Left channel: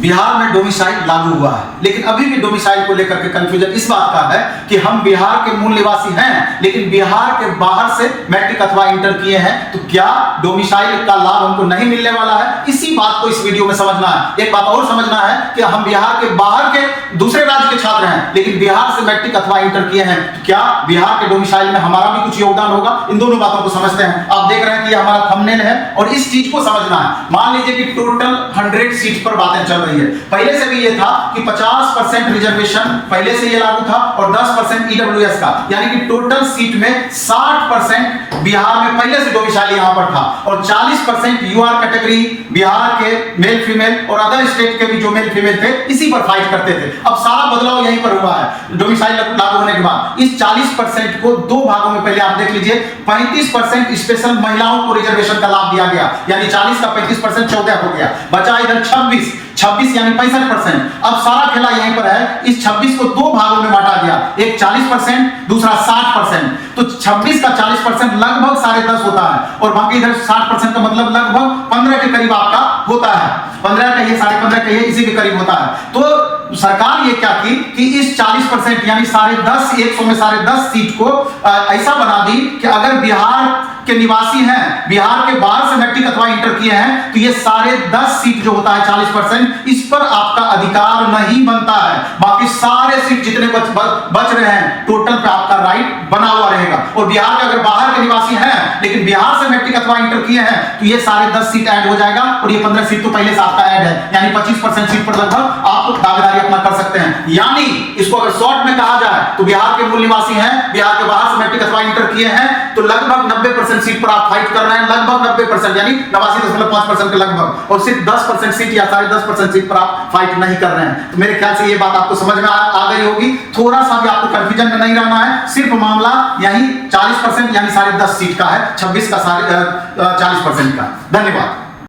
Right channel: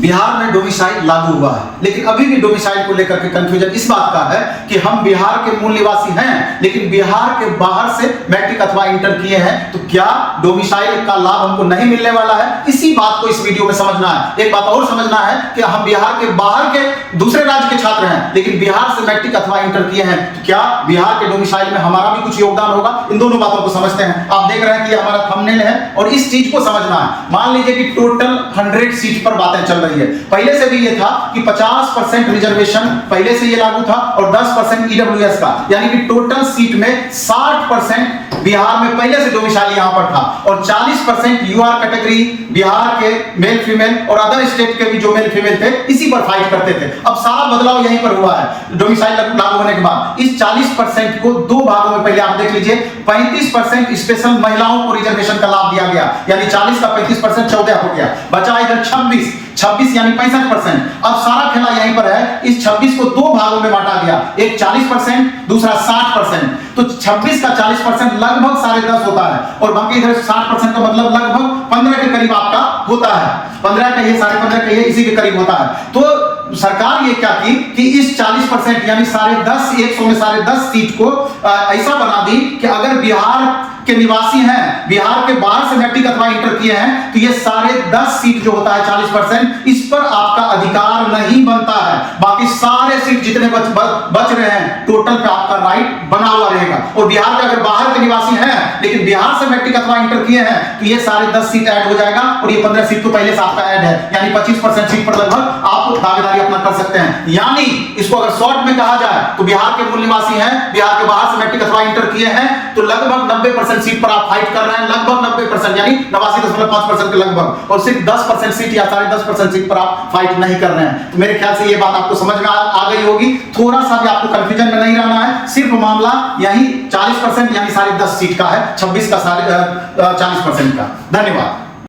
बिहार में डोमिसाइल लागू हुआ है, लेकिन अभी भी डोमिसाइल को लेकर के कंफ्यूजन इस बात का है कि हम बिहार के मूल निवासी हैं, लेकिन बिहार के बाहर से मैट्रिक अथवा इंटर किए हैं, तो क्या डोमिसाइल का लाभ हमको नहीं मिलने वाला है? इसी बात को इस वीडियो में समझना है। एक बात और समझना है कि हम बिहार के बाहर के दूसरे राज्य के छात्र हैं, लेकिन बिहार से मैट्रिक अथवा इंटर किए हैं, तो क्या बिहार के डोमिसाइल में हमारा भी कुछ योगदान होगा? इन दोनों बातों को समझते हैं। आप देख रहे हैं कि हमारा थंबनेल है और इस चीज को समझना है। मान लीजिए कि टोटल 100 सीट पर बातें चल रही है। पहले से भी ये था कि 50% रिजर्वेशन पहले से ये लागू था और 10% ईडब्ल्यूएस का, यानी कि टोटल सीट में 60% बिहार में पहले से डोमिसाइल यहां पर था और 40% यूआर कैटेगरी बिहार के मेल फीमेल और अदर स्टेट के भी जो मेल फीमेल थे इसी पर फाइट करते थे। अब सारा बदलाव यहीं पर हुआ है डोमिसाइल लागू होने के बाद। इस 40% को दो भागों में पहले आप देख लीजिए, 35% स्पेशल महिलाओं को रिजर्वेशन का लाभ दिया गया, यानी 40 का 35% 14 हो गया, बचा इधर 26 यानी 65%। अब सारा खेला यहीं पर है। इस 26 को दो भागों में बांटा गया, एक 40%, दूसरा 60%। तो 26 का 40% लगभग 10.5 होता है और बाकी इधर 60% का मतलब लगभग 15 के करीब आपका होता है। 15 कहिए, 15.5 कहिए, इसी के करीब होता है। तो सरकार ये क्या की कि इस 40% यानी 10.5 100 में 10.5 सीट को ऐसा बना दी कि अगर बिहार के निवासी हैं, बिहार के बाहर से मैट्रिक अथवा इंटर किए हैं, तो ये 10.5 सीट जो होता है 40%, इस पर आपका अधिकार नहीं बनता है। बाकी सारे सीट जितने बच रहे हैं टोटल पे आपका राइट बना हुआ रहेगा। और बिहार का अगर बाहर के निवासी हैं लेकिन बिहार से मैट्रिक अथवा इंटर किए हैं, तो ये 10.5 सीट ऐड हो जाएगा और ये 15 सीट तो पहले से आपका ऐड है, यानी 25% सीट पर लगभग आप दावेदारी अपना कर सकते हैं। यानी इसको अगर शॉर्ट में कहा जाए तो बिहार के मूल निवासी हैं, बिहार के बाहर से मैट्रिक अथवा इंटर किए हैं, तो लगभग 90% सीट पर आप फाइट कर रहे हैं, लगभग 90% यानी 89.5% के लगभग, और सिर्फ 10% सीट या 10.5% सीट पर आप फाइट नहीं कर रहे हैं। तो मेरे ख्याल से ये बात आपको समझ में आ गई होगी। थोड़ा सा भी आपको कंफ्यूजन में नहीं रहना है, सिर्फ मामला यही 40% यानी 10.5 सीट का है, 26 का 40% का। धन्यवाद।